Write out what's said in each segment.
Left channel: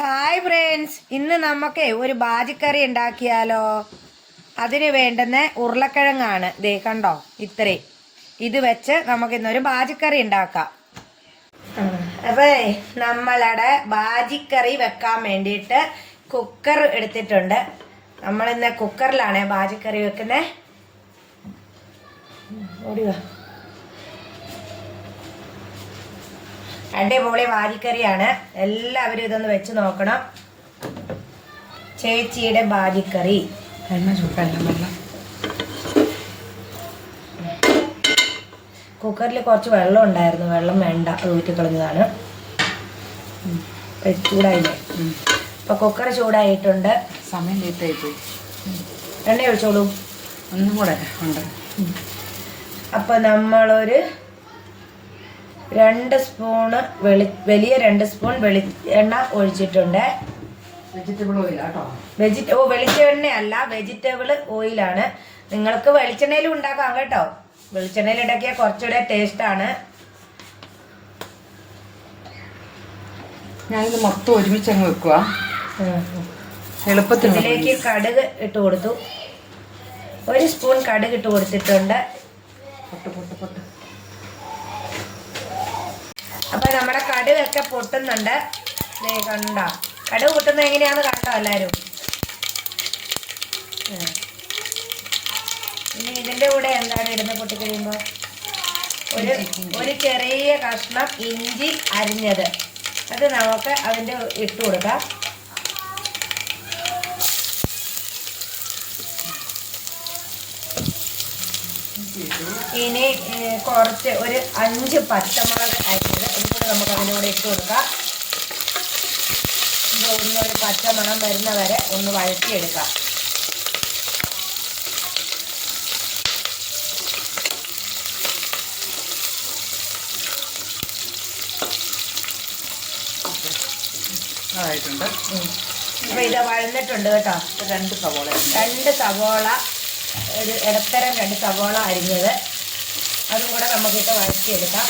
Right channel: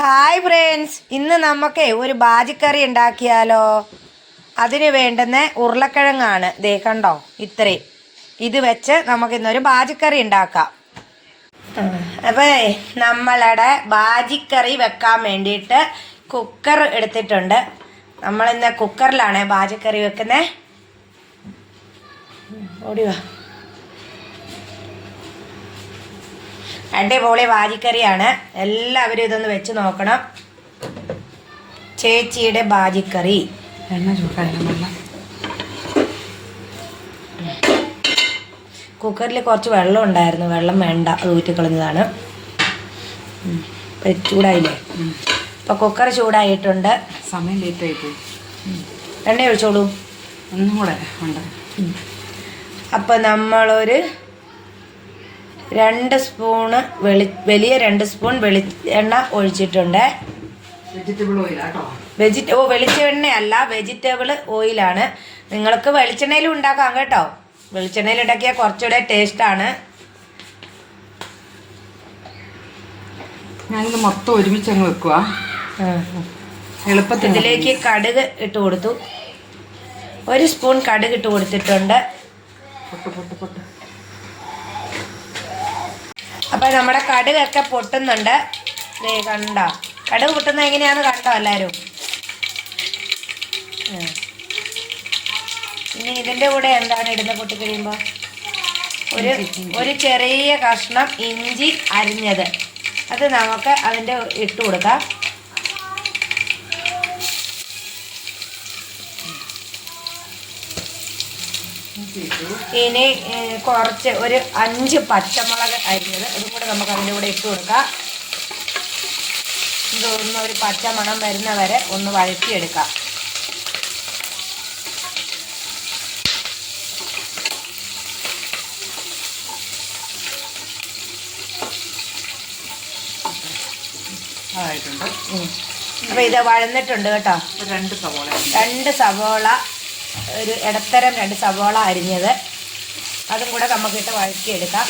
Hi friends, ഇന്ന് നമുക്ക് ഒരു ബാജിക്കറി ഉണ്ടാക്കിയാലോ. അതിന് വേണ്ടുന്ന ഉരുളക്കിഴങ്ങാണ്, ദേ കണ്ടോ ഇത്രയും. ഇത് വെച്ച് നമുക്കിന്നൊരു ബാജിക്കറി ഉണ്ടാക്കാം. അപ്പോൾ നമ്മളുടെ ബാജിക്കറി വെക്കാൻ വേണ്ടിയിട്ട് കുക്കർ എടുത്തിട്ടുണ്ട്. നമ്മളിന്ന് കുക്കറിലാണ് ബാജിക്കറി വെക്കുന്നത്. ഓടിവാ. അടിപൊളി ബാജിക്കറിയാണ്, എല്ലാവരും ഇതൊന്ന് വെച്ച് നോക്കണം. ചേച്ചിയുടെ ബാജിക്കറി. കുക്കറിൽ കുറച്ച് വെള്ളം ഉണ്ടായിരുന്നു, വെള്ളം വേണ്ട, അത് ഊറ്റിക്കളഞ്ഞതാണ്. ചൂടായില്ലേ? അപ്പോൾ കുക്കർ ചൂടായിട്ടുണ്ട്. സമയം ലേറ്റായി പോയി. എണ്ണ ഒഴിച്ചോളൂ. ഒന്നും കൂടെ ഉണ്ട്. അപ്പോൾ നമ്മളൊരു 2 സ്പൂണ് വലിയ 2 സ്പൂൺ വെളിച്ചെണ്ണ ഒഴിച്ചിട്ടുണ്ട്. വെജിറ്റബിൾ ഓയിലാട്ടോ. വെളിച്ചെണ്ണയല്ല, വെജിറ്റബിൾ ഓയിലാണ്. നിങ്ങൾക്ക് വെളിച്ചെണ്ണയിലും ഉണ്ടാക്കാം കേട്ടോ. വെളിച്ചെണ്ണയിൽ ഉണ്ടാക്കിയാൽ കുറച്ചുകൂടെ ടേസ്റ്റാണ്. ഞാനിത് മൊത്തം ഒരുമിച്ച് അങ്ങ് വെക്കുക, എളുപ്പത്തിൽ. ഇതിലേക്ക് കടുക് ഇട്ട് കൊടുത്തു. 1 സ്പൂൺ കടുക് ഇട്ട് കൊടുത്തിട്ടുണ്ട്. അപ്പോൾ നമ്മുടെ കടുകൊക്കെ പൊട്ടുന്നുണ്ട്. കണ്ടോ കടുക് പൊട്ടുന്നത് എങ്ങനെയാണെന്ന് കണ്ടോ എല്ലാവരും? ഇനി ഇതിൻ്റെ കൂടെ എന്താണ് ഇടുന്നത്? പൊട്ടിക്കഴിയുമ്പോൾ ഒരു ചെറിയ കഷ്ണം ഇഞ്ചി അരിഞ്ഞത്, അത് നമുക്ക് അതിൻ്റെ ഇട്ട് കൊടുക്കാം. ഇനി കുറച്ച് ഒരു 5 പച്ചമുളക് അരിഞ്ഞത് അതും കൂടെ നമുക്ക് അതിൻ്റെ കൂടെ ഇട്ട് കൊടുക്കാം. ഇതൊന്നൊരു പച്ചമണം വരുന്ന വരെ ഒന്ന് വഴറ്റിയെടുക്കാം. അതായിട്ടുണ്ട്. അപ്പോൾ ഇത് വഴന്നിട്ടുണ്ട് കേട്ടോ. 2 സവോള, ഒരു ഇടത്തരം 2 സവോള അരിഞ്ഞത്, അതും കൂടെ നമുക്കിട്ട് വഴറ്റിയെടുക്കാം.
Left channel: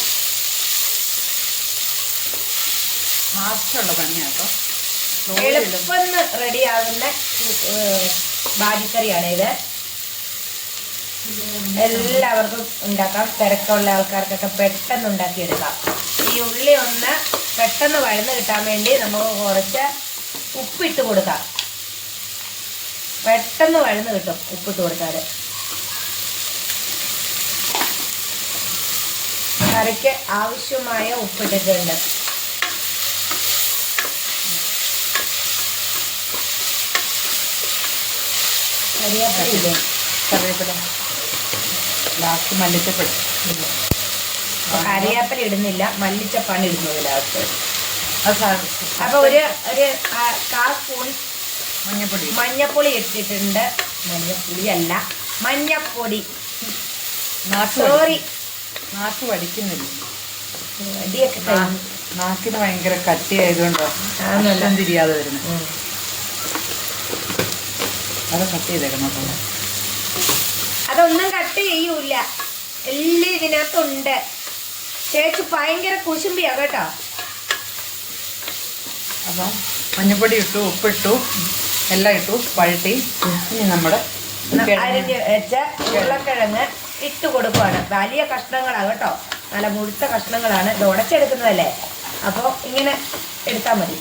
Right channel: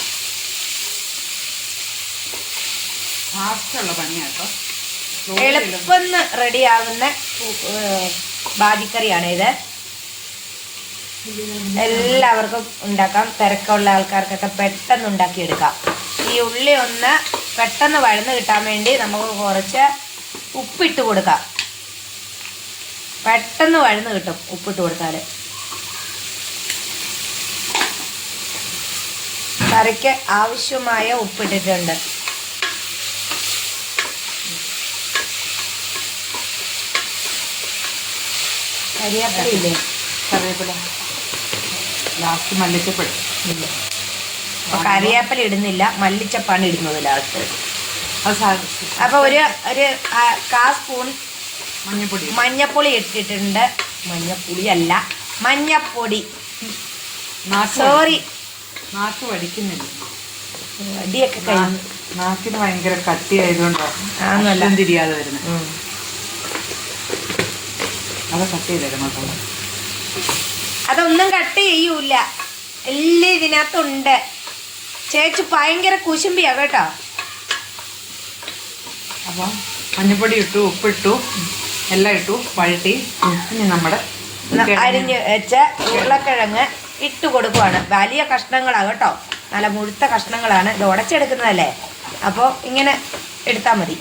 ഫാസ്റ്റുള്ള പണിയാട്ടോ, എളുപ്പം റെഡിയാകുന്ന ബാജിക്കറിയാണ് ഇത്. എല്ലാവർക്കും ഉണ്ടാക്കാം, തിരക്കുള്ള ആൾക്കാർക്കൊക്കെ പെട്ടെന്ന് ഉണ്ടാക്കിയെടുക്കാം. ഈ ഉള്ളി ഒന്ന് പെട്ടെന്ന് വഴന്ന് കിട്ടാൻ വേണ്ടി നമുക്ക് കുറച്ച് ഉപ്പിട്ട് കൊടുക്കാം. പെട്ടെന്ന് വഴന്ന് കിട്ടും ഉപ്പിട്ട് കൊടുത്താൽ. കറിക്ക് ആവശ്യമായ ഉപ്പിട്ടിട്ടുണ്ട്. കറിവേപ്പില കറിവേപ്പില ലാസ്റ്റ് മല്ലിച്ചപ്പൊടി ഇല്ല. അപ്പോൾ കറിവേപ്പില ഇടുന്നില്ല, മല്ലിച്ചപ്പാണ് ഇടുന്നത് ലാസ്റ്റ്. അപ്പോൾ ഒരു 1/4 സ്പൂൺ മഞ്ഞപ്പൊടി ഇട്ടിട്ടുണ്ട്. മഞ്ഞപ്പൊടിയല്ല, മഞ്ഞപ്പൊടി. സോറി, നാക്ക് വടിക്കുന്നില്ല. അടിയൊക്കെ കഴിഞ്ഞു. നാക്കിന് ഭയങ്കര കട്ടിയായതുകൊണ്ടോ എല്ലാം തിരിയാതെ വരുന്നത്. അത് കട്ട് ചെയ്തേക്കണം കേട്ടോ. അതൊന്നും കട്ട് ചെയ്യൂല, എല്ലാം ഇതിനകത്തുണ്ട്. ചേച്ചി ഭയങ്കര കുശുമ്പിയാ കേട്ടോ. അപ്പം മഞ്ഞപ്പൊടി ഇട്ടു, ഉപ്പിട്ടു, എല്ലാം ഇട്ടു, വഴറ്റി. ഇനി നമ്മുടെ അരിഞ്ഞ് വെച്ച ഉരുളക്കിഴങ്ങ് ഇട്ട് കൊടുക്കുവാണ്. വലിയ കഷ്ണങ്ങളാണ് കേട്ടോ, നല്ല മുഴുത്ത കഷ്ണങ്ങളാണ്. ഇത് ഉടച്ചെടുക്കുന്നതല്ലേ, അപ്പോൾ ഇങ്ങനെ എടുത്താൽ മതി.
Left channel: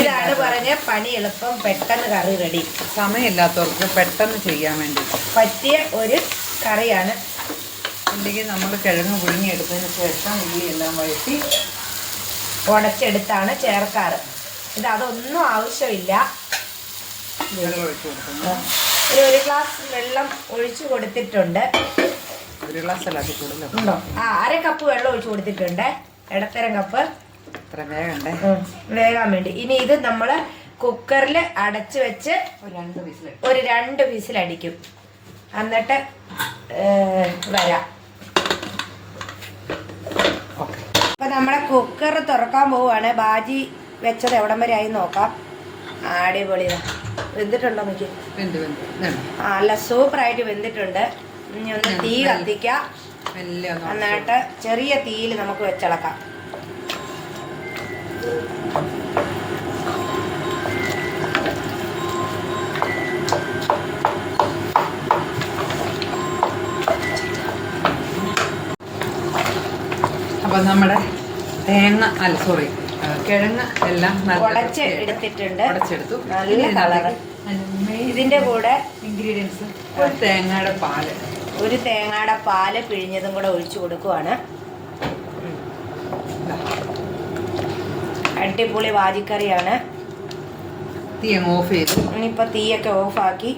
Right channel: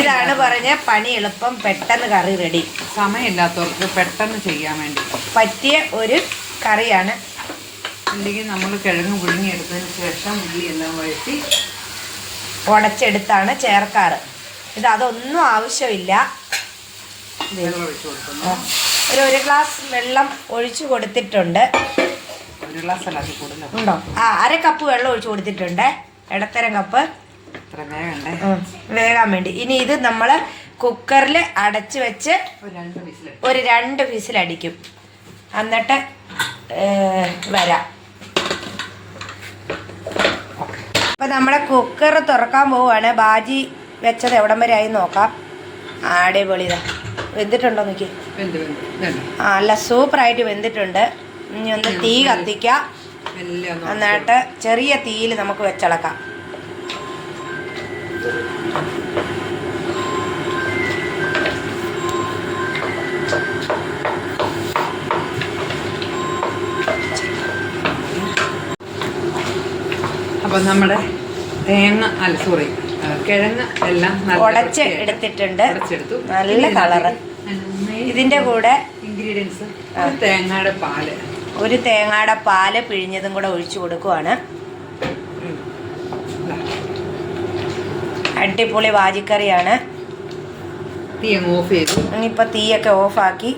ഇതാണ് പറഞ്ഞ പണി എളുപ്പം, പെട്ടെന്ന് കറി റെഡി. സമയമില്ലാത്തവർക്ക് പെട്ടെന്ന് ചെയ്യാൻ വേണ്ടി പറ്റിയ ഒരു കറിയാണ്. അല്ലെങ്കിൽ നമ്മൾ കിഴങ്ങ് പുഴുങ്ങിയെടുത്തതിന് ശേഷം ഉള്ളി എല്ലാം വഴറ്റി ഉടച്ചെടുത്താണ് ചേർക്കാറ്. ഇത് അതൊന്നും ആവശ്യമില്ല. വെള്ളം ഒഴിച്ച് കൊടുക്കുന്നു. ഒരു ഗ്ലാസ് വെള്ളം ഒഴിച്ചു കൊടുത്തിട്ടുണ്ട്. 1 ഗ്ലാസ് അല്ല, അത് കൂടുതൽ ഉണ്ടോ? 1/2 കപ്പ് വെള്ളം ഒഴിച്ചു കൊടുത്തിട്ടുണ്ട്, ഇടത്തരം കപ്പ്. ഇത്ര വേണ്ടേ വേകാൻ വേണ്ടി. ഇനി ഇത് നമ്മൾ കുക്കറിൽ അടച്ച് വെച്ച് ഒരു 2 വിസിൽ അടിക്കും. എന്നിട്ട് വരാം. അപ്പം നമ്മുടെ കുക്കർ തുറക്കാൻ പോവുകയാണ്. ബാജി വെച്ചത് എവിടം വരെ ആയി നോക്കാം. അടിപൊളിതാ, വെന്തിട്ടുണ്ടോ നോക്കി? നല്ല സൂപ്പറായിട്ട് വെന്തിട്ടുണ്ട്. ഇനി ഒന്ന് തീ കത്തിക്കാം. എന്നിട്ട് ചെറിയ തീയിൽ നമുക്ക് വെച്ചിളക്കാം. അപ്പൊ നമ്മുടെ കിഴങ്ങ് എല്ലാം ഉടച്ച് എടുത്തിട്ടുണ്ട്. ഉടച്ചെടുത്തു. നല്ല കളറ്. ഇതിന്റെ കൂടെ ഇൻഗ്രീഡിയൻസ് തേങ്ങയുടെ പാല്, ഒരു തേങ്ങയുടെ പാല് പിഴിഞ്ഞതും കൂടെ ഒഴിച്ചു കൊടുക്കുവാണ്. അടിപൊളി വാജിക്കറിയാണ്. തീ അങ്ങ് ഓഫ് ചെയ്തു. ഇനിയിപ്പോൾ തീയൊക്കെ ഓഫാക്കി